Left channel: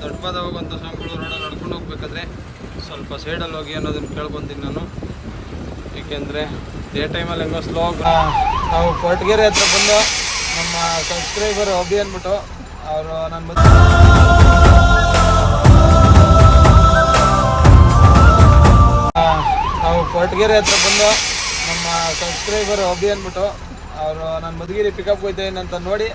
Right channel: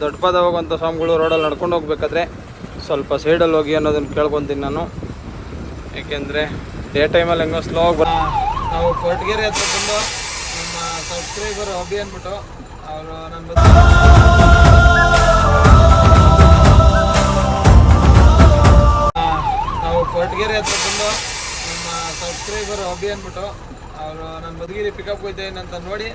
ದೊಡ್ಡಪಾದ ಹೋಗುವಂಥ ಸ್ವಾಮಿಗಳು ರೋಡಲ್ಲಿ ನಡ್ಕೊಂಡು ಹೋಗ್ಬೇಕಾದ್ರೆ ಸ್ವಲ್ಪ ಸೈಡಲ್ಲಿ ಹೋಗಿ ಅನ್ನೋದನ್ನು ಕೇಳ್ಕೊತೀನಿ ನಾನು. ಏಕೆಂದರೆ ಡೇ ಟೈಮಲ್ಲಿ ಹೆಂಗೋ ಸ್ಲೋ ಆಗಿ ನಾವು ಕೊರಟಗೆರೆ ಹತ್ರ ಬಂದು ನಮ್ಮ ಸಬ್ಸ್ಕ್ರೈಬರ್ ಅಭಿ ಅಂದ್ಬಿಟ್ಟು ಅವರು ನನ್ನ ಮತ್ತೆ ನಾವು ಕೊರಟಗೆರೆ ಹತ್ರ ಬಂದು ನಮ್ಮ ಸಬ್ಸ್ಕ್ರೈಬರ್ ಅಭಿ ಅಂದ್ಬಿಟ್ಟು ಅವರು ನನ್ನ ಮಧುಗಿರಿ ಪಿಕಪ್ ಹೋಯ್ತೇನೆ ಅಂತ ನೋಡಿ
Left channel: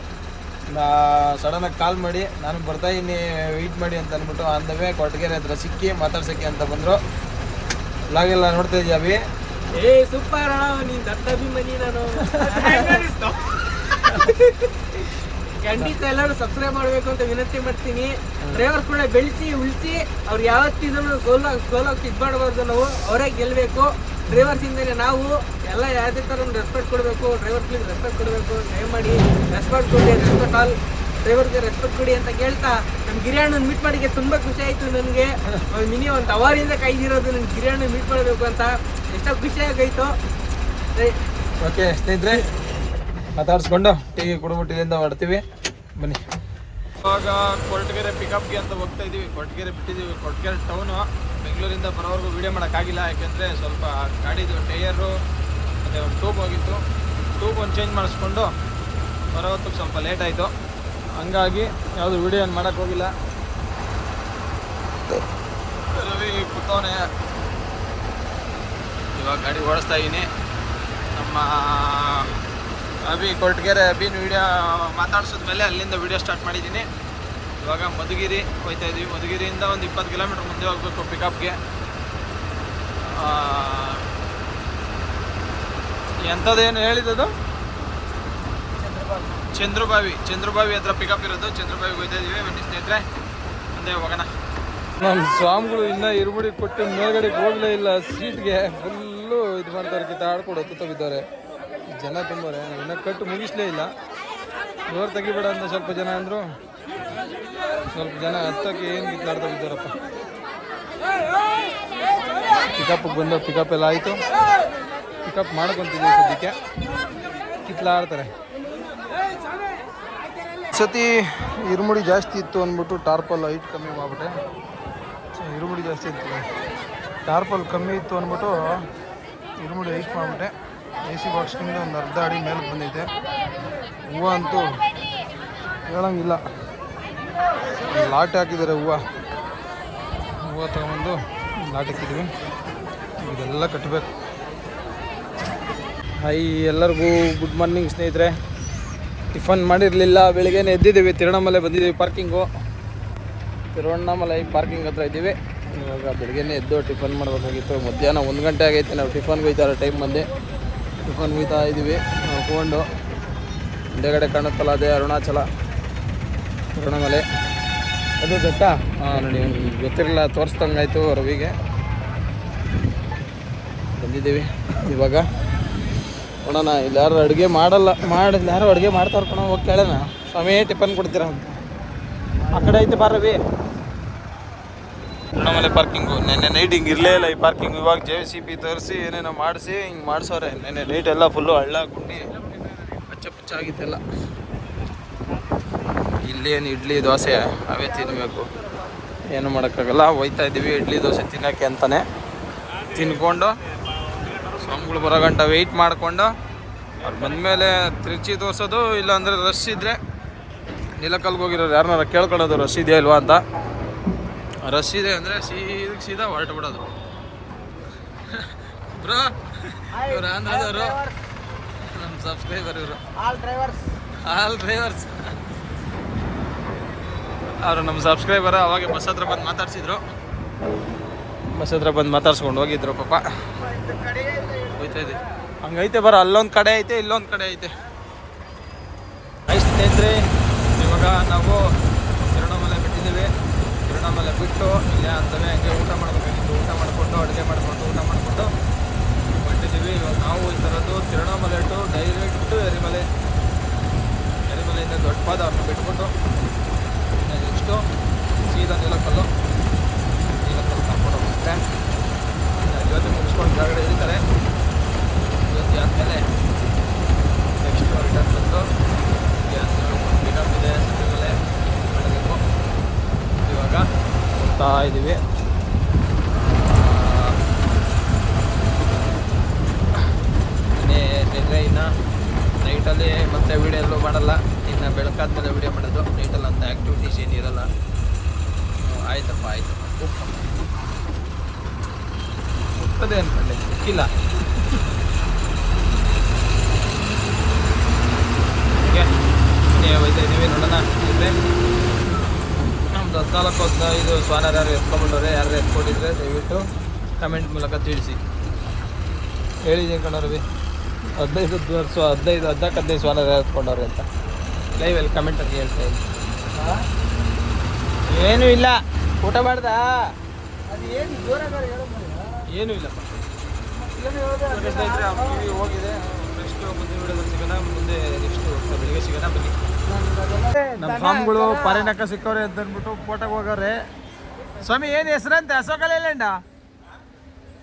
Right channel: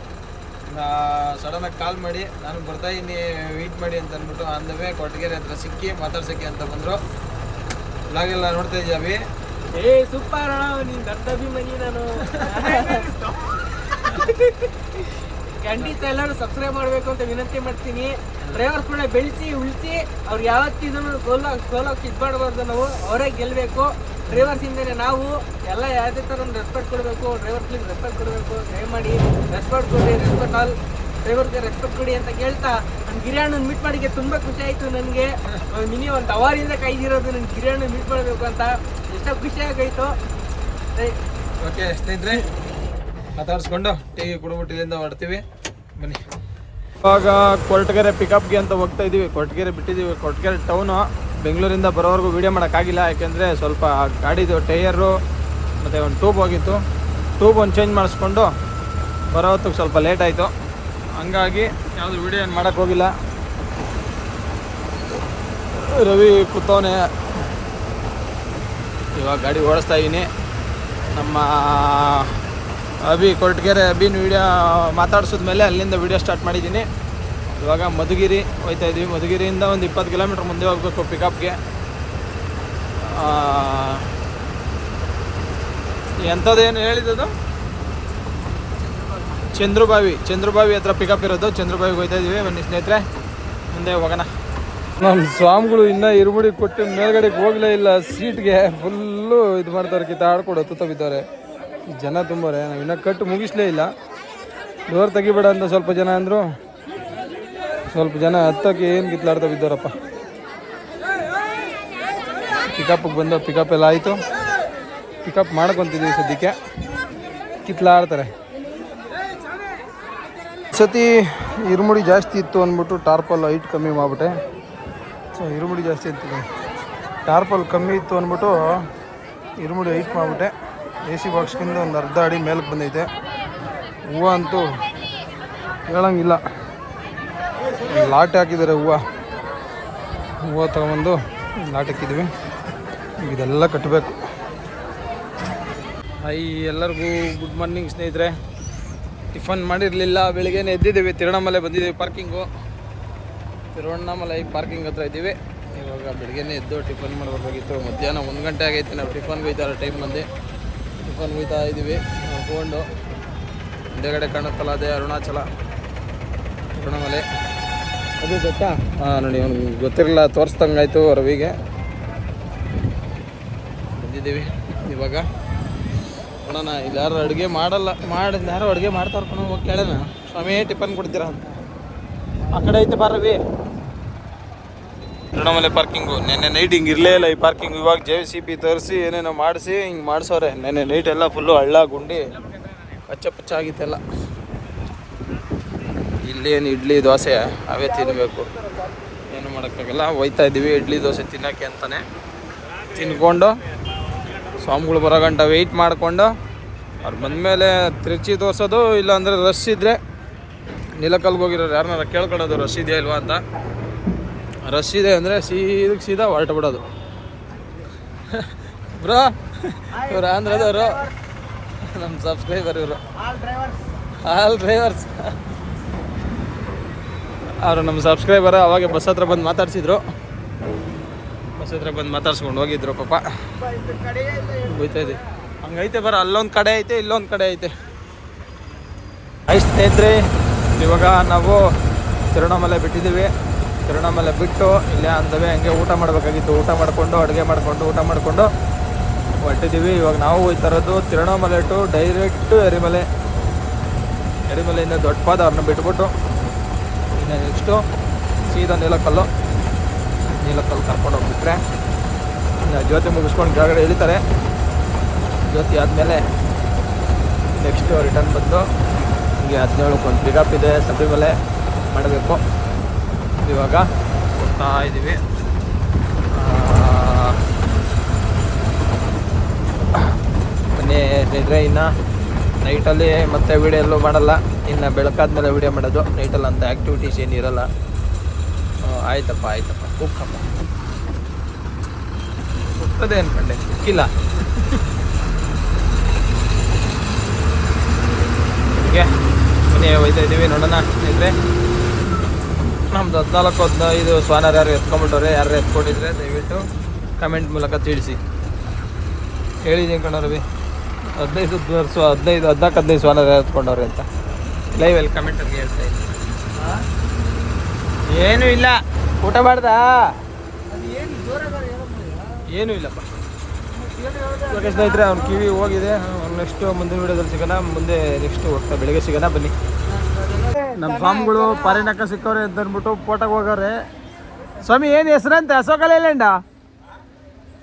ಸಡನ್ನಾಗಿ ಕಾಲ್ ಮಾಡಿ ನಾನು ಬರ್ತಾ ಇದ್ದೀನಿ ವೆಯ್ಟ್ ಮಾಡಿ ಅಂತ ಅಂದ್ಬಿಟ್ಟು ಅಂದಮೇಲೆ ಕೊಟ್ಟಿಗೆರೆ ಹತ್ರ ಸಿಕ್ಕಿ ಮಾತಾಡ್ಸಕ್ಕೆ ಅಂತ ಬಂದರು. ಲಾಗೆಲ್ಲ ನೋಡ್ತಾ ಇದ್ದೀವಿ ಏ ಸೂಪರ್ ನೀನ್ ದೊಡ್ಡ ಅಭಿಮಾನಿ ನಾನು. ಖಂಡಿತ ಎಲ್ಲರೂ ಸಬ್ಸ್ಕ್ರೈಬ್ ಮಾಡಬೇಕು ಅಂತ ವಿನಂತಿ ಮಾಡ್ತೀನಿ. ಡ್ರೈವರ್ ಕೂಡ ಬೆಳೆಸಿ, ಉಳಿಸಿ, ಅವ್ರು ಯಾವತ್ತಿದ್ರು ಸೋಲೋ ಸೋಲೋಗಿ ಇದು ನಾವು ಅವರೇ ಗೆಲ್ಲಬೇಕು ಡ್ರೈವರ್ಸ್ ಇಂದನೇ ನಾವು ಎಲ್ಲ ಯಾವುದೇ ಥರ ರೆಸ್ಪೆಕ್ಟ್ ಕೊಡಬೇಕು ಡ್ರೈವರ್ಸ್ಗೆ ರೆಸ್ಪೆಕ್ಟ್ ಕೊಡಬೇಕು. ದಯಮಾಡಿ ರೆಸ್ಪೆಕ್ಟ್ ಕೊಡಿ ರೆಸ್ಪೆಕ್ಟ್ ಆಲ್ ಡ್ರೈವರ್ಗೆ ರೆಸ್ಪೆಕ್ಟ್ ಕೊಡಿ ಅಂತ ಕೇಳ್ತಾ ನಮ್ಮ ಗಿರಿಯಣ್ಣನ ಮೀಟ್ ಮಾಡಿಗೆ ತುಂಬ ಖುಷಿ ಆಯಿತು ನನಗೆ. ಮಿನಿ ಒಂದು ಅವಾರಿಂದ ಕೈದಿರೋದು ನನ್ನ ಗಿರಿಯಣ್ಣ ಮೀಟ್ ಮಾಡಬೇಕು ಅಂತ ಎಷ್ಟೋ ಖುಷಿ ಆಗಾಯ್ತು. ಓಕೆ ಸ್ನೇಹಿತರೆ, ಮಾತಾಡಿಸ್ಕೊಂಡು ಟೀ ಕುಡಿದ್ಬಿಟ್ಟು ಇಲ್ಲಿಂದ ಹೊಡ್ತೀವಿ ಬನ್ನಿ. ಇವಾಗ ಕೊರಟಗೆರೆ ಪಿಕಪ್ಗೆ ಅಂತ ಹೋಗ್ತಾ ಇದ್ದೀವಿ ಕೊರಟಗೆರೆ ಬಿಟ್ಟಿದ್ದೀವಿ ಕೊರಟಗೆರೆ ಟೌನು ಬೆಂಗಳೂರಿಂದ ಬರೋವರೆಗೂ ವೀಡಿಯೋ ಮಾಡೋಕ್ಕಾಗಿಲ್ಲ. ಯಾಕೆಂದರೆ ಸ್ವಲ್ಪ ಗಾಡಿದು ಟೈಯರು ಮತ್ತು ಒಂದು ಟ್ಯೂಬ್ ಹೋಗಿತ್ತು. ಟ್ಯೂಬ್ ಒಂದು ಚೇಂಜ್ ಮಾಡಿಸ್ಕೊಂಡು ಬರೋ ಹೊತ್ತಿಗೆ ಸ್ವಲ್ಪ ಲೇಟ್ ಆಯಿತು. ಹಂಗಾಗಿ ಯಾವುದು ವೀಡಿಯೋ ಏನು ಮಾಡೋಕ್ಕೆ ಹೋಗಿಲ್ಲ. ರವಿ ಕೂತವನೆ ಇವಾಗ ಗಾಡಿ ಓಡಿಸ್ತಾ ಇದ್ದೀನಿ ನಮ್ಮ ಅಭಿ ಕೊರಟಗೆರೆ ಅಭಿನ ವೀಡಿಯೋ ಮಾತಾಡ್ಸಿದ್ಮೇಲೆ ಅಲ್ಲಿಂದ ವೀಡಿಯೋ ಸ್ಟಾರ್ಟ್ ಮಾಡಿದ್ದೀನಿ. ಇವಾಗ ಮಧುಗಿರಿ ಹೋಯ್ತಾ ಇದ್ದೀವಿ. ಮಧುಗಿರಿಯಿಂದ ಒಂದು ಇಪ್ಪತ್ತು ಕಿಲೋಮೀಟ್ರ್ ಮುಂದೆ ಹೋಗಬೇಕು ಪಿಕಪ್ಗೆ ಎಂಥದ್ದೇನು ಹೇಳಿದದು ಚಂದ್ರಬಾವಿ ಚಂದ್ರಬಾವಿ ಹತ್ರ ಪಿಕಪ್ ಇರೋದು. ಚಂದ್ರಬಾವಿಗೆ ಹೋಯ್ತಾ ಇದ್ದೀವಿ. ಬನ್ನಿ ಸ್ನೇಹಿತರೆ, ಮುಂದೆ ಹೋಗೋಣ. ನಮ್ಮ ಸ್ವಾಮಿಗಳು ಇನ್ನೂ ಇರುಮುಡಿ ಕೊಟ್ಟು ಮೇಲ್ಗಡೆಗೆ ಹೋಗಲೇ ಇಲ್ಲ. ಸೀಟ್ಗೆ ಫುಲ್ಲು ಇದು ಮಾಡ್ತಾರೆ ಕಿತ್ತ ಆಡ್ಕೊಡು ಬಿದ್ದಾರೆ ಈ ಜನ ತುಂಬಾರೆ. ನಾವು ಇನ್ನೂ ಕಟ್ಟು ಮುಗಿಸ್ಲೇ ಇಲ್ಲ. ಡೋರ್ ತೆಗಿಬೇಡ ಅಂತ ಸ್ವಲ್ಪ ಜನ ಅಂದರು. ಸ್ವಲ್ಪ ಜನ ಹತ್ತಕ್ಕೆ ಏನು ಕಿತ್ಲಾಡ್ತಾ ಬಿದ್ದಾರಪ್ಪ. ಪಿಕಪ್ಗೆ ಬಂದು ಪಿಕಪ್ ಎಲ್ಲ ಆಯಿತು. ಪಿಕಪ್ ಮಾಡ್ಕೊತಿದ್ದೀವಿ ಸದ್ಯಕ್ಕೆ. ಕಿತ್ಲಾಡ್ತಾರೆ. ಸತಿ ಇರುಮುಡಿ ಜಾಸ್ತಿ ಇತ್ತು ಅಂದ್ಬಿಟ್ಟು ಟಾರ್ಪಲ್ ಹೈಟ್ ಕಮ್ಮಿ ಮಾಡ್ಬಿಟ್ಟೆ. ಸೊ ಇರುಮುಡಿ ಜಾಸ್ತಿ ಇತ್ತು. ಟಾರ್ಪಲ್ ಕಮ್ಮಿ ಇತ್ತು ಅಂದ್ಬಿಟ್ಟು ಇರುಮುಡಿ ಹೈಟ್ ಮಾಡಿಬಿಟ್ಟೆ. ಎ ಸಿ ಬಾಕ್ಸ್ಗಿಂತ ಒಂದು ಅರ್ಧ ಅಡಿ ಮೇಲಕ್ಕೆ ಬಂದೈತೆ. ಹೂವು ಅಂತೂ ಹೇಳಂಗಿಲ್ಲ. ಲಾಟೆ ಹಾಕಿದ್ದಾರೆ ಹೂವು. ಹೂವು ತಗೊಂಬಂದು ಲಾಟ್ ಹಾಕಿದ್ದೀವಿ. ಇದೆಲ್ಲ ಕಟ್ಟಬೇಕು. ಹೈ ಎಲ್ಲರಿಗೂ ಗುಡ್ ಮಾರ್ನಿಂಗ್ ಸ್ನೇಹಿತರೆ. ಟಿಫನ್ ಮಾಡಿರಲಿಲ್ಲ, ಬೆಳಿಗ್ಗೆನೇ ಎದ್ದಿದ್ದೀವಿ. ತಿರುವಣ್ಣಾಮಲೆ ಬಂದಿದ್ದೀವಿ ಪಾರ್ಕಿಂಗು ತಿರುವಣ್ಣಾಮಲೆ ಪಾರ್ಕಿಂಗ್ ಹತ್ರ ಇದ್ದೀವಿ. ಇವಾಗ ಬೆಳಿಗ್ಗೆನೇ ಎದ್ದು ಟಿಫನ್ ಮಾಡಬೇಕಾಗಿತ್ತು. ಮಧ್ಯಾಹ್ನ ಒಂದು ಗಂಟೆ ಆಗೈತೆ, ನಾವು ಟಿಫನ್ಗೆ ಹೋಯ್ತಾರ ಟೈಮ್ ಬಂದು. ಟಿಫನ್ ಹೋಯ್ತಾ ಇದ್ದೀವಿ. ನೋಡ್ಕೊಂಡು ಹಿಂದೆಗಡೆ ಕಾಣುತ್ತಲ್ಲ ಅದೇ ಅರುಣಾಚಲ. ತಿರುವಣ್ಣಾಮಲೆ. ಅದು ಗೊತ್ತಾ? ಹಾಂ ಒಂದು ಗೊತ್ತಿರಲಿಲ್ಲ ತೋರಿಸ್ದಂಗಾಯ್ತು ರವಿಗೆ ಬಂದಿದ್ದೀವಿ ಇವಾಗ. ನೋಡೋಣ ಇಲ್ಲಿ ಯಾರು ಅಡುಗೆ ಮಾಡಲ್ಲ, ಮಾಡಿ ಯಾರು ಅಡುಗೆ ಮಾಡ್ತಾರ ಕಣ, ಹೋಗಿ ಕೇಳೋಣ ಸ್ವಾಮಿ, ಟಿಫನ್ ಕೊಡ್ತೀರಾ ಅಂತ. ಆ ಕಡೆ ಐತೆ ಬಾ ರವಿ. ತಿರುವಣ್ಣಾಮಲೆ ಪಾರ್ಕಿಂಗು. ನೆನ್ನೆ ನೈಟ್ ಹಿಂಗೆ ಇರಲೇ ಇಲ್ಲ ಈ ಪಾರ್ಕಿಂಗ್. ಇವಾಗ ಜೆ ಸಿ ಪಿ ತರಿಸಿ, ಏನೇನೋ ಮಾಡಿಸಿ, ಹಿಂಗೆ ಮಾಡಿಸೋರೆ ನೆನ್ನೆ ನೈಟ್ ಎಲ್ಲ ಫುಲ್ಲು ಹಳ್ಳ, ಗುಂಡಿ, ಪಚ್ಚ ಪಚ್ಚ ಆಗಿತ್ತೆಲ್ಲ. ಇಲ್ಲೇನು ಇಡ್ಲಿ ದೋಸೆ ಅವೇ ತಿನ್ನಬೇಕು ಏನು ಮಾಡೋಕ್ಕಾಗಲ್ಲ. ಹೋಯ್ತಾ ಇದ್ದೀವಿ. ಇಡ್ಲಿ ದೋಸೆ ತಿನ್ನೋಕ್ಕೆ ಅಂತಾನೆ. ತಿನ್ಕೊಂಡು ಸ್ವಾಮಿಗಳು ಬರೋ ಗಂಟ ವೆಯ್ಟ್ ಮಾಡಿಕೊಂಡು ಅವ್ರು ಬಂದಮೇಲೆ ತಿರುಚಿ ದೋಸೋದು ಇಲ್ಲಾಂದರೆ ರಶ್ ಇದ್ದರೆ ನೀಲಕಲ್ಗೆ ಹೋಗಿರೋರು ಯಾರನ್ನಾರ ಕೇಳ್ಕೊಳ್ಳೋದು ರಶ್ ಇದೆಯಾ ಇಲ್ವಾ ಅಂತ. ರಶ್ ಇದೆ ಅಂದರೆ ಸೀದಕ್ಕೆ ಸೀದಾ ಹೊರಟು ಬಿಡೋದು. ಬ್ರೋ ಇವ್ರು ಆಂಧ್ರದವರು. ನಮ್ಮ ಸಬ್ಸ್ಕ್ರೈಬರ್ ಇವರು. ಆಲ್ ಡ್ರೈವರ್ಸ್ ಆಲ್ ಡ್ರೈವರ್ಸ್ ಅವರು ನಮ್ಮ ಸಬ್ಸ್ಕ್ರೈಬರ್ ಅವಾಗೆ ಬಸ್ ಹತ್ರ ಬಂದು ಮಾತಾಡ್ಸಿದ್ರು. ಬಸ್ ಹತ್ರ ಬಂದು ಮಾತಾಡ್ಸ್ಕೊಂಡು ಹೋಗಿದ್ರು ಪಾಪ. ಹೋಯ್ತಾ ಇದೆ. ಹಂಗೈತೆ ಬರ, ಅಲ್ಲೊಂದು ಕಡೆ ಐತೆ, ಇಲ್ಲೊಂದು ಕಡೆ ಐತೆ. ಆಯ್ತು ಸ್ನೇಹಿತರೆ, ಇವಾಗ ನಾವು ತಿರುವಣ್ಣಾಮಲೆ ಬಿಟ್ಟಿದ್ದೀವಿ. ತಿರುವಣ್ಣಾಮಲೆ ಬಿಟ್ಟು ಇಲ್ಲೇ ಅಂತವೇ ಹಂಗೆ ಊಟ ಮಾಡಬೇಕಾಗಿತ್ತು. ಊಟ ಮಾಡಿಕೊಂಡು, ಅಡುಗೆ ಮಾಡಿಕೊಂಡು, ಊಟ ಮಾಡಿಕೊಂಡು ಹೊರಟಿದ್ದೀವಿ. ಇವಾಗ ನಾವು ಈ ಇರೋದು ತಿರುವಣ್ಣಾಮಲೆ ಟು ಡೈರೆಕ್ಟು ಎರಿಮಲೆ. ಎರಿಮಲೆಯಿಂದ ದೊಡ್ಡ ಪಾದ ಅವ್ರನ್ನ ಬಿಟ್ಬಿಟ್ಟು ನೆಕ್ಸ್ಟು ಸೀದಾ ನೀಲಕಲ್ಲು. ನೀಲಕಲ್ಲು ಕರ್ಕೊಂಡು ಹೋಗ್ಬಿಟ್ರೆ ಇನ್ನು ಜ್ಯೋತಿ ಮುಗಿಸ್ಕೊಂಡು ಕೆಳಗಡೆ ಇಳಿತಾರೆ. ಜ್ಯೋತಿ ಆದಮೇಲೆ ನೆಕ್ಸ್ಟು ರಿಟರ್ನ್ ಬಂದು ಹೀಗೆ ಹದಿನೇಳು ಒಂದು ಪಿಕಪ್ ಇದೆ ಸತಿಮಲೆ ಮಾಡಬೇಕು. ಇವಾಗ ಹೋಗ್ತಾ ಇದ್ದೀವಿ. ಮನೆ ನಿದ್ರೆ ಇನ್ನು ನೈಟಲ್ಲಿ ಮತ್ತೆ ವಿಡಿಯೋ ಎಲ್ಲೂ ಮಾಡಲ್ಲ. ಇನ್ನು ಬೆಳಕಾದ್ಮೇಲೆ ವಿಡಿಯೋ ಮಾಡೋದು. ನೈಟಲ್ಲಿ ಅಂತ ಆ್ಯಕ್ಟಿವಿಟೀಸ್ ಏನಿರಲ್ಲ ಆಯ್ತಪ್ಪ ಆಯ್ತಪ್ಪ. ಹೋಗ್ಕಪ್ಪ ಹೋಗ್ತದೆ ಅನ್ಕೊಂಡೆ. ಸಿಕ್ಕಿಲ್ಲ. ಹೀಗೆ. ಮನೆ ಒಯ್ತಾ ಇದ್ದೀವಿ, ನೋಡೋಣ. ಇದ್ರೆ ನಮ್ದು ಹದಿನಾಲ್ಕು, ಹದಿನೈದು ಸ್ವಾನರ್ ಯಾರು ಎತ್ಕೊಂಡ್ಬಿಟ್ಟವ್ರೆ ಯಾರು ಎತ್ಕೊಂಡಿದ್ರೆ ದಯವಿಟ್ಟು ಕಮೆಂಟ್ ಮೂಲಕ ತಿಳಿಸಿ. ಹೇಳಿದ್ದೀನಿ ಕಣ ರವಿ ಹದಿನೈದು ವರ್ಷ, ಹದಿನೈದು, ಹದಿನಾಲ್ಕು, ಹದಿನೈದು ಸ್ವಾನರ್ ಯಾರು ಎತ್ಕೊಂಡವ್ರೆ ಅಂತ. ಲೈವಲ್ಲಿ ಕಮೆಂಟಲ್ಲಿ ಹೇಳ್ತಾ ಇದ್ದೀನಿ ಏನೂ ಇಲ್ಲ. ಊಟ ಮಾಡ್ದಾ? ಏನು ಇಲ್ಲಪ್ಪ. ಓಕೆ ಸ್ನೇಹಿತರೆ ಅವ್ನ ಕಿವಿ ಹೋಗಿದೆ. ನೆಕ್ಸ್ಟ್ ಮುಂದಿನ ವೀಡಿಯೋದಲ್ಲಿ ಸಿಗೋಣ. ಮುಂದೆ ನೆಕ್ಸ್ಟ್ ಹೋಗ್ತಾ ಬೆಳಿಗ್ಗೆ ಸಿಗೋಣ ಬನ್ನಿ. ನಮ್ಮ ಸ್ವಾಮಿಗಳು ಪಾರಿನಕ್ಕ ಸಿಕ್ಕವ್ರೆ ಅಂತ ಅಂದ್ಬಿಟ್ಟು ಫೋಟೋಗೆ ಹೋಗವ್ರೆ. ಸ್ವಾಮಿ ಏನು ಹೆಸರಂತೆ? ಅಶೋಕ ಲೇಲ್ಯಾಂಡ?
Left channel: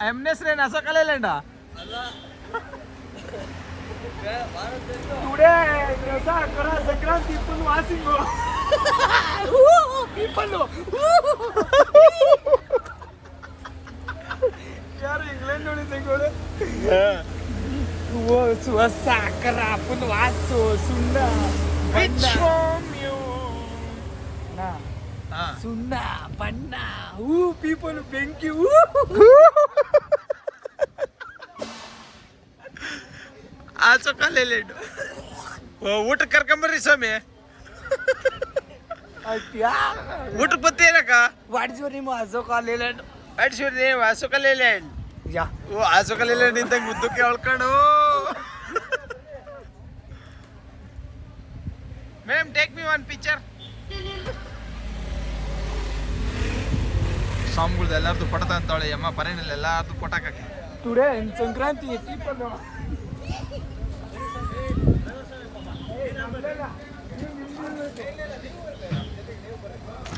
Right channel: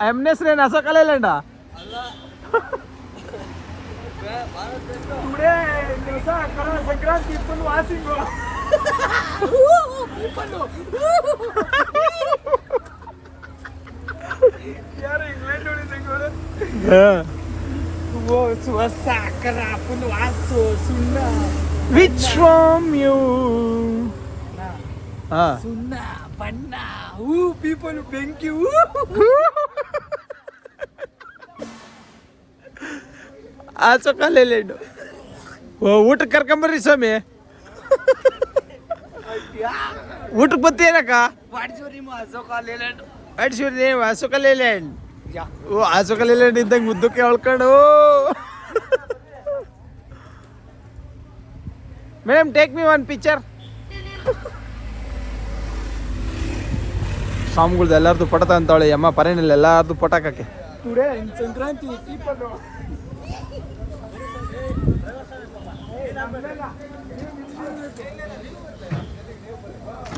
ಎಮ್ನ ಹೆಸ್ರೇನು? ಅಶೋಕ ಲೇಲ್ಯಾಂಡ? ಟುಡೇ ದಿವಸ ಕರ ಸಂಕ್ರಾಂತಿ ಫುಲ್ ವಾಸಿಂಗು. ಯಾರು ಇಂಗ್ಲೆಂಡ್ ನೋಡಿ ಓ ಸುವಸ ಕರ ಫುಲ್ ವಾಸು ಸುಣ್ಣ ವಿಚ್ ಫ್ರಮ್ ಯು ಸುಣ್ಣ ಬಣ್ಣ. ಹೂ ಪೀಪಲ್ ಬೆಂಕಿ. ಹೂ. ಅಶೋಕ ಹೆಣ್ಣು ಊಟಕ್ಕೆ ಕರ್ಕೊಂಬರ್ರಿ ಸ್ವಾಮಿ. ಊಟಕ್ಕೆ ಬತ್ತೇನಕ್ಕ ವಾಟ್ಸ್ ನಿಮ್ಮ ಅಶೋಕ ಲೇಲ್ಯಾಂಡ್ ಅಡ್ಸಿವ್ರಿ ಅಶೋಕ ಲೇಲ್ಯಾಂಡ್ ಓ ಅಶೋಕ ಲೇಲ್ಯಾಂಡ್ ಇದ್ದಂಗೆ ಮುದ್ದಕ್ಕೆ ಹೇಳ್ಕೊಂಡು madam take me one picture ಸ್ವಾಮಿಗಳ್ದು ಎಲ್ಲಾರ್ದು ಪಟತ ಅಂತಾಳೆ ಅಮ್ಮ ಪರೇನಿಲ್ಲ ಎಲ್ಲಾರ್ದು ಪಟಾಕಕ್ಕೆ. ಟುಡೇ ಇನ್ ಸಂಕ್ರಾಂತಿ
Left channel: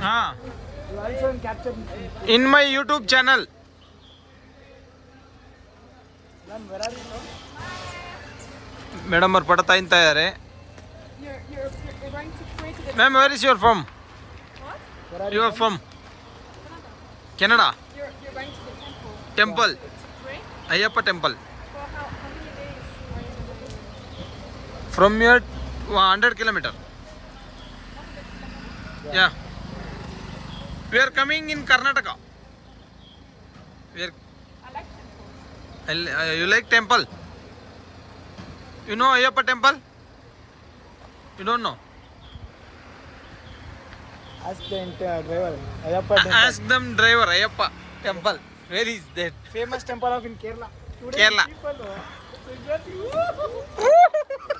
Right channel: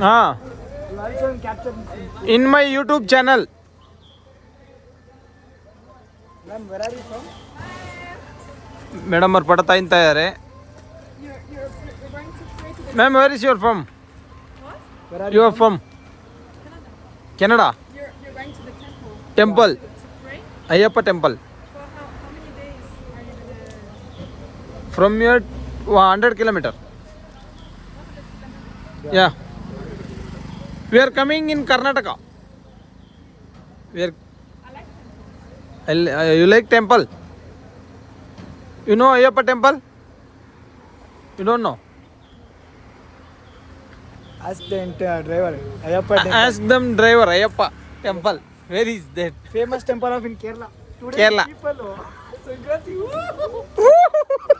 हाँ। In my YouTube channel madam और पढ़ता इन तैयार है? Ma'am where is your form your form Canada temple Ayyappa temple from your 100 kilometer. Yeah. We are coming in Karnataka. We are, I like I, you like temple? You know Ayappa temple? You don't know? Ask the driver. Ayappa temple. Ask them driver Ayappa temple. Where is that? Famous temple of in Kerala. Today Kerala. People, oh,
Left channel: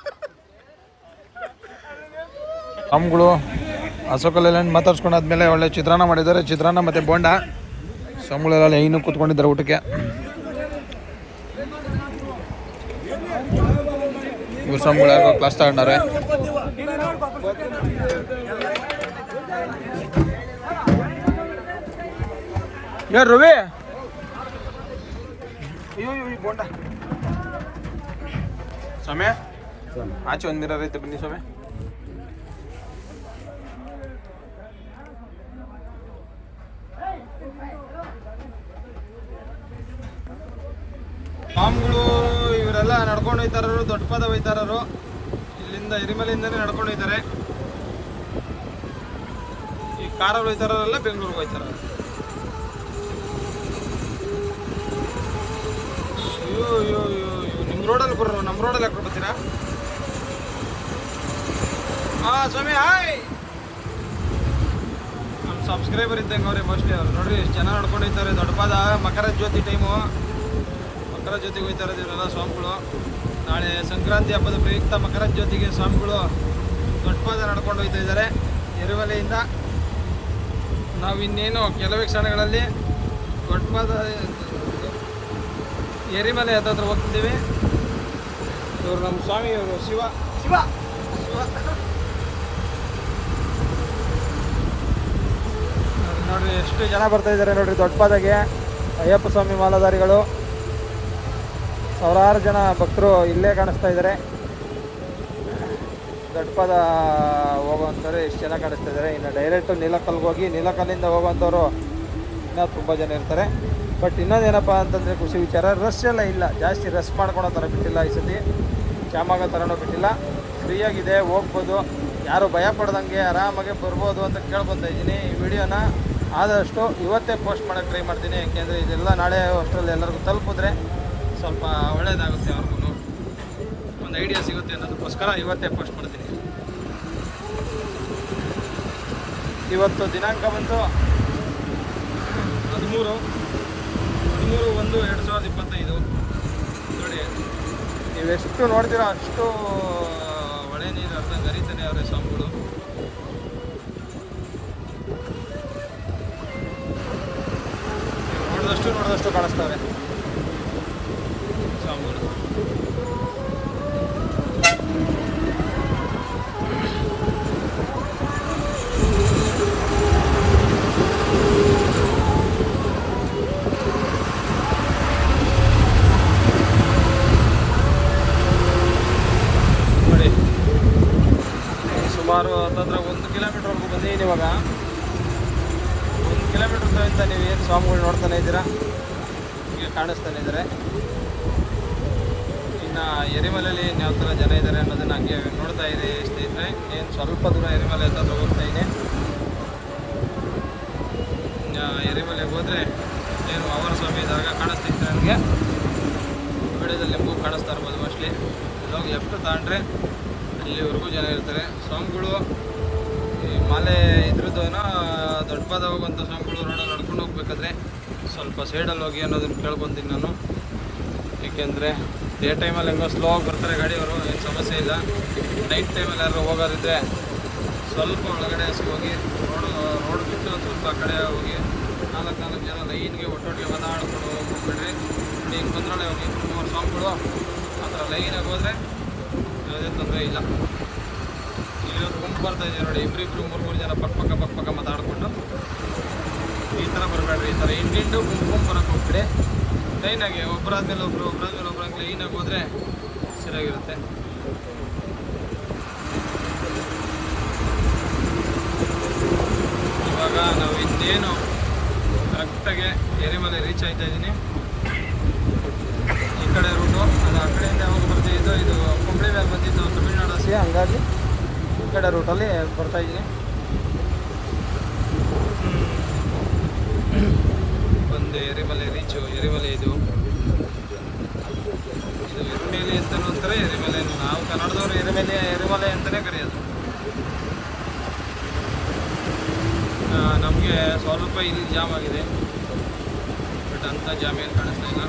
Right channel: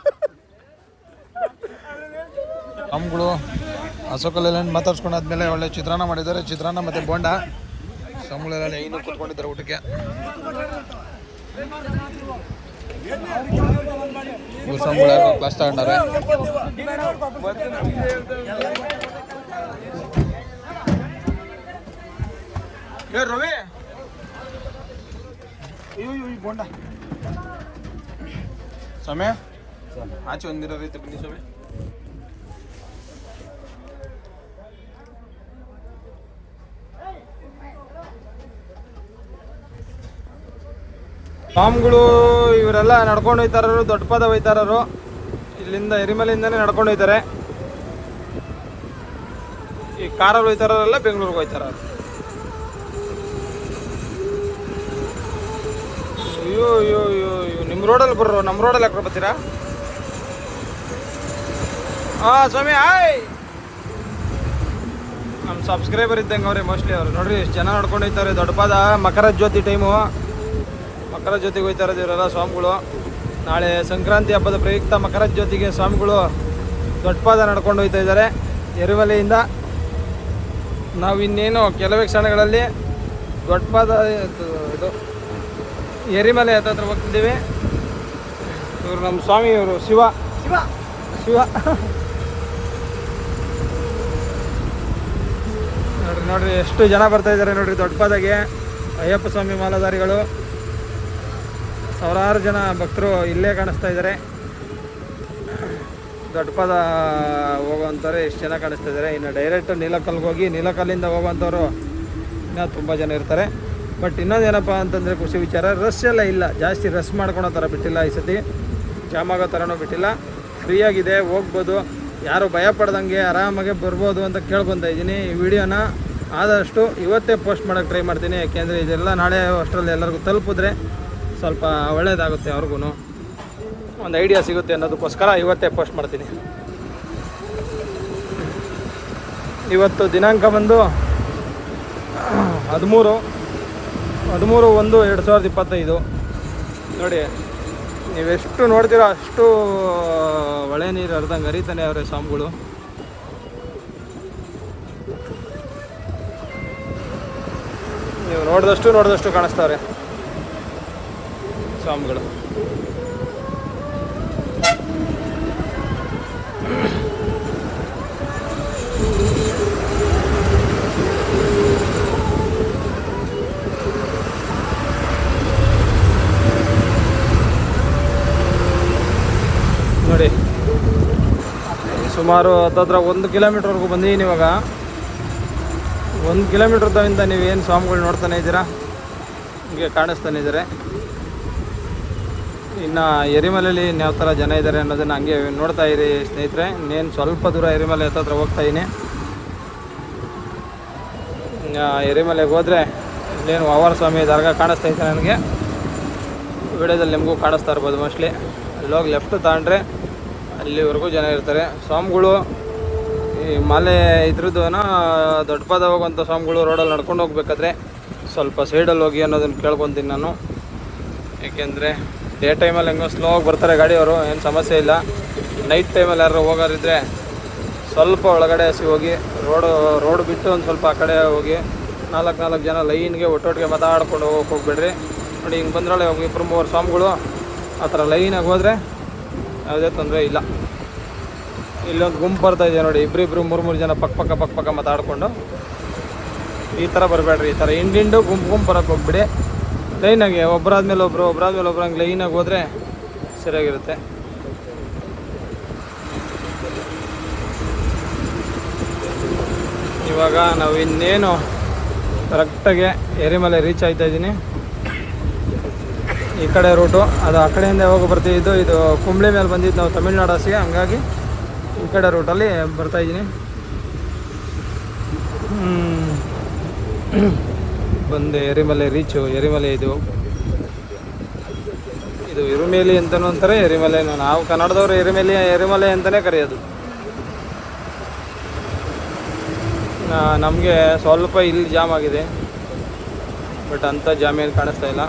Ashok Leyland ಮಾತಾಡ್ಸ್ಕೊಂಡಾದ್ಮೇಲೆ ಒಳ್ಳೆ ಚಿತ್ರಾನ್ನ ಮಾಡಿದ್ದಾರೆ. ಚಿತ್ರಾನ್ನ ಮತ್ತು ಬೋಂಡ. ಸ್ವಾಮಿಗಳೆಲ್ಲ ಇನ್ನೂ ಕೂತ್ಕೊಂಡಿದ್ದಾರೆ ಊಟಕ್ಕೆ. ಯಾರು class ತಗೊಂಡಾರೆ ಯಾರು ರವಿ! ಬೋಂಡ. ಸ್ವಾಮಿ, ಆಚೆ ಒಂದಿರೋ ರೀತಿ ಬನ್ನಿ ಸ್ವಾಮಿ. ಸ್ವಾಮಿಗಳು ಇವರೆಲ್ಲ ನಡ್ಕೊಂಡು ಹೋಯ್ತಾರರು, ದೊಡ್ಡ ಪದ ಹೋಯ್ತಾರರು. ಇಲ್ಲಿಂದ ಎರಿಮಲೆಯಿಂದನೇ ನಡ್ಕೊಂಡು ಹೋಯ್ತಾರೆ. ಈ ಕಾರಲ್ಲಿ ಹೋಯ್ತಾರಲ್ಲ, ಬೆಂಗಳೂರಿಗೆ ಹೋಯ್ತಾರ ಅಯ್ಯೋ ಅಯ್ಯೋ ಅಯ್ಯೋ ಅಯ್ಯೋ. ನಿಮ್ಮ ರೋಡಲ್ಲಿ ಬರ್ರು ನಮ್ಮ ರೋಡಲ್ಲಿ ಯಾಕೆ ಬರ್ತೀರಾ? ಹಾಂ ಸ್ವಾಮಿ, ಹಾಯ್! ನಮ್ಮ ಸಬ್ಸ್ಕ್ರೈಬರ್ ಇದ್ದಂಗೆ ಅವ್ರೆ ಮೋಸ್ಟ್ಲಿ ಅವ್ರು. ನೋಡ್ರಿ ಎಷ್ಟು ಜನ ನಡ್ಕೊಂಡು ಹೋಯ್ತಾರೆ, ದೊಡ್ಡ ಪಾದ, ಮಕರ ಜ್ಯೋತಿ ಟೈಮು ಮಕರ ಜ್ಯೋತಿಗೆ ಹೋಯ್ತಾರೆ ಇವರೆಲ್ಲ ಸ್ವಾಮಿಗಳು. ನಾಳೆ ಸಂಕ್ರಾಂತಿ ಹಬ್ಬದ ಪ್ರಯುಕ್ತ ಮಕರ ಜ್ಯೋತಿಗೆ ಸ್ವಾಮಿಗಳು ದೊಡ್ಡಪಾದ ನಡ್ಕೊಂಡು ಹೋಗ್ತಾ ಇದ್ದಾರೆ. ಎರಿವಲೆಯಿಂದ ನಾವು ಇನ್ನೇನು ಕೆಲವೇ ಕ್ಷಣಗಳಲ್ಲಿ ದೊಡ್ಡಪಾದ ಎರಿಮಲೆ ಹತ್ರ ಹೋಗ್ತಿದ್ದೀವಿ. ಇವರು ನಮ್ಮ ಸ್ವಾಮಿ ಇವರು ಶಿವ. ಶಿವ. ಶಿವ. ನೋಡ್ರಿ ನೋಡ್ರಿ ಎಷ್ಟು ಜನ ಬರ್ತಾ ಇದ್ದಾರೆ ನೋಡ್ರಿ ದೊಡ್ಡ ಪಾದಾಗೆ ಅಯ್ಯಪ್ಪ ಸ್ವಾಮಿ ಮಾಲಾಧಾರಿಗಳು. ಸಾವಿರಾರು ಜನ ಭಕ್ತರು ಇಲ್ಲೇ ಕಾಣಿಸ್ತಾ ಇದ್ದಾರೆ. ದೊಡ್ಡಪದ ಹೋಗೋವಂಥವ್ರೆ ಎಷ್ಟು ಜನ ಕಾಣಿಸ್ತಾ ಇದ್ದಾರೆ. ಇನ್ನು ಡೈರೆಕ್ಟ್ ನೀಲಕಲ್ಗೆ ಹೋಗಿ ನೀಲಕಲ್ಲಿಂದ ಹೋಗುವಂಥವ್ರು ಇನ್ನೂ ತುಂಬ ಜನ ಇರ್ತಾರೆ. ಬಟ್ ಇನ್ನೊಂದೇನಪ್ಪ ಅಂತಂದರೆ ಖುಷಿ ವಿಚಾರ ರಶ್ ಎಲ್ಲ ಇಲ್ಲ. ಜಾಸ್ತಿ ರಶ್ ಮಾಡ್ಕೊಳೋ ಥರ ಬಿಟ್ಟಿಲ್ಲ ಈ ಸತಿ. ಜಾಮ್ ಆಗೋ ಥರನೂ ಬಿಟ್ಟಿಲ್ಲ. ಫ್ರೀಯಾಗಿದೆ ಹೋಗ್ಬೋದು. ಯಾರು ಭಯ ಪಡ್ದಂಗೆ ಆರಾಮಾಗೆ ಬರ್ಬೋದು ಅಂತ ಕೇಳ್ಕೊತಾ ಇದ್ದೀನಿ. ಈ ವಿಡಿಯೋನ ಆದಷ್ಟು ಇವತ್ತೇ ಪೋಸ್ಟ್ ಮಾಡೋಕ್ಕೆ ಟ್ರೈ ಮಾಡ್ತೀನಿ. ಯಾಕೆಂದರೆ ಇದೆಲ್ಲ ನಾಳೆ ಅಷ್ಟರಲ್ಲಿ ಎಲ್ಲರಿಗೂ ತಲುಪಿದ್ರೆ ಸ್ವಲ್ಪ ಒಳ್ಳೆಯದಾಗುತ್ತೆ ಅವ್ರಿಗೂ ಒಂದು ಐಡಿಯಾ ಸಿಗುತ್ತೆ ಅನ್ನೋದಕ್ಕೋಸ್ಕರ ಇವತ್ತೇ ಪೋಸ್ಟ್ ಮಾಡ್ತೀನಿ. ಇವತ್ತು ದಿನಾಂಕ ಬಂದು ಹದಿಮೂರು. ಹದಿಮೂರು ಒಂದು ಎರಡು ಸಾವಿರದ ಇಪ್ಪತ್ತೈದು. ನೋಡಿ, ನೀವೆಷ್ಟು ನೋಡ್ತೀರೋ ಅಷ್ಟು ಒಳೆ ನೀರು ಅರ್ಧಂಗೆ ಹರಿತಾನೆ ಅವರೇ ಸ್ವಾಮಿಗಳು. ನೀವು ನೋಡಿದಷ್ಟು ನೋಡಿದಷ್ಟು ಕಾಣಿಸ್ತಾವ್ರೆ. ಸ್ವಾಮಿಗಳು. ನೋಡಿ, ಸುಮಾರು ಹತ್ತತ್ರ ಒಂದು ಕಿಲೋಮೀಟ್ರ್ವರೆಗೂ ಬಂದಿದ್ದೀನಿ ಇವಾಗ. ಒಂದು ಕಿಲೋಮೀಟ್ರ್ದಿಂದ ನೀವು ಏನು ಸ್ವಾಮಿಗಳು ನೋಡ್ತಾನೆ ಇದ್ದೀರಾ? ಹೀಗೆ ಕಾಣಿಸ್ತಾನೆ ಇದ್ದಾರೆ. ಇನ್ನು ಎರಿಮಲೆಯಲ್ಲಿ ಯಾವ ಥರ ಜನ ಇದ್ದಾರೆ ಅನ್ನೋದನ್ನು ಹಂಗೆ ನೋಡ್ತಾ ಇರಿ ಸ್ನೇಹಿತರೆ. ಇನ್ನೇನು ಸ್ವಲ್ಪ ದೂರ ಎರಿಮಲೆ ಹತ್ತತ್ರ ಹೋಗ್ತಾ ಇದ್ದೀನಿ. ಎರಿಮಲೆಗೆ ಹೋದರೆ ಇಲ್ಲೇನು ವಾವಾರ ಸ್ವಾಮಿ ದರ್ಗ ಕಾಣಿಸ್ತಾ ಇದೆ ನನಗೆ. ವಿಡಿಯೋದಲ್ಲಿ ನಿಮಗೂ ಕಾಣಿಸ್ತಾ ಇರ್ಬೋದು ಮೋಸ್ಟ್ಲಿ. ಅಲ್ಲೋಗಿ ಲೆಫ್ಟ್ ತಗೊಂಡ್ರೆ ಅಲ್ಲಿವರೆಗೂ ಜನ ಇರ್ತಾರೆ. ಸ್ವಾಮಿಗಳು ಮಲೆ ಇದ್ರದ್ದು ದೊಡ್ಡ ಪದ ಹೋಗುವಂಥ ಸ್ವಾಮಿಗಳು ರೋಡಲ್ಲಿ ನಡ್ಕೊಂಡು ಹೋಗ್ಬೇಕಾದ್ರೆ ಸ್ವಲ್ಪ ಸೈಡಲ್ಲಿ ಹೋಗಿ ಅನ್ನೋದನ್ನು ಕೇಳ್ಕೊತೀನಿ ನಾನು. ಏಕೆಂದರೆ ಡೇ ಟೈಮಲ್ಲಿ ಹೆಂಗೋ ಸ್ಲೋ ಆಗಿ ಬರ್ತಾರೆ ಗಾಡಿಯವರು, ಏನು ಸಮಸ್ಯೆ ಇಲ್ಲ. ನೈಟ್ ಟೈಮಲ್ಲಿ ಯಾರು ಹೋಗೋರಿದ್ರೆ ಸ್ವಲ್ಪ ಒಳಗಡೆ ಹೋಗಿ ರೋಡು ರೋಡ್ ಬಿಟ್ಟು ಒಂದು ಸ್ವಲ್ಪ ಆ ಕಡೆ ಹೋಗಿ, ನಾಲ್ಕು ನಾಲ್ಕು ಜನ ಲೈನ್ಗೆ ಒಟ್ಟೊಟ್ಟಿಗೆ ಮಾತಾಡ್ಕೊಂಡು ಹೋಗಕ್ಕೆ ಹೋಗ್ಬೇಡ್ರಿ. ನೋಡಿ ಹಿಂಗೆ ಬಂದ್ರೊಳಗೆ ಹೋಗಿ ಇಬ್ಬರು ಮೂವರು ಸ್ವಾಮಿಗಳು, ಆ ಥರ ಲೈನಾಗಿ ಹೋದರೆ ಯಾವುದೇ ತೊಂದರೆ ಇಲ್ಲ. ಇಲ್ಲೊಂದು ಗುಂಪು ಬರ್ತಾ ಇದೆ ನೋಡಿ ಇಬ್ಬರಿಬ್ರು ಮೂರು ಮೂರು ಜನ ಪಕ್ಕ ಪಕ್ಕ ಪಕ್ಕ ಪಕ್ಕ ಮಾತಾಡಿಕೊಂಡು ಈ ಥರ ಬರಬೇಡ್ರಿ, ಈ ಥರ ಹಿಂದಿಂಡು ಗುಂಪು ಗುಂಪು ಬರೋಕ್ಕೆ ಹೋಗ್ಬಿಡಿ. ಲೈನಾಗಿ ಒಬ್ಬರಾದ್ಮೇಲೆ ಒಬ್ಬರು ಒಬ್ಬರಾದ್ಮೇಲೆ ಒಬ್ಬರು ಹಂಗೆ ಲೈನಾಗಿ ಹೋದರೆ ಸರಿಯಾಗಿರುತ್ತೆ. ಇವಾಗ ನಾವು ಇನ್ನೇನು ಕರೆಕ್ಟಾಗಿ ಎರಿಮಲೆ ರೀಚ್ ಆಯ್ತಾ ಇದ್ದೀನಿ. ಈ ಕಡೆ ರೂಟು ಅದು ಆ ಕಡೆಯಿಂದ ಹೋಗಿ ಬರ್ತಿದ್ದು ಇದು ಕುಂಬ್ಳೆ ಮೇಲೆ ಬಂದಿದ್ದು ನಾವು ತಮಿಳ್ನಾಡು ಹಸಿಗೆ ಹಂಗಾಗಿ ಈ ಕಡೆ ರೂಟಲ್ಲಿ ಬರ್ತಾ ಇದ್ದೀನಿ. ಬಂದೆ, ಎರಿಮಲೆ ರೀಚು ಎರಿಮಲೆ ಇದು. ಇದು ಎರಿಮೇಲಿ ಅಂತಲೂ ಅಂತಾರೆ ಎರಿಮಲೆ ನಾವು ಕನ್ನಡದವರು ಎರಿಮೇಲಿ, ಎರಿಮಲೆ ಅಂತಲೇ ಕರೆಯೋದು. ನಮಗೆ ಸ್ವಲ್ಪ ಇಲ್ಲಿ ಜಾಮ್ ಆಗಿದೆ. ಬಟ್ ಅಂಥ ಜಾಮಿಯಲ್ಲಿ ಕಾಣಿಸ್ತಾ ಇಲ್ಲ.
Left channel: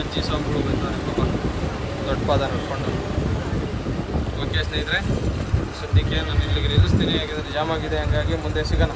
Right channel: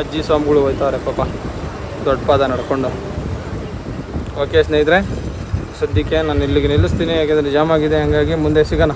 ಅಜ್ಜಿ ಸ್ವಾಮಿಗಳು ಹೋಯ್ತಾವ್ರೆ ಪಾಪ. ದೊಡ್ಡ ಪಾದ ನಡ್ಕೊಂಡು. ಓಕೆ ಸ್ನೇಹಿತರೆ. ಸದ್ಯಕ್ಕೆ ನಾನು ಇಲ್ಲಿಗೆ ನಿಲ್ಲಿಸ್ತೀನಿ. ಯಾಕಂದರೆ ಜಾಮ್ ಆಗಿದೆ ಹಾಗಾಗಿ ಮುಂದೆ ಸಿಗೋಣ.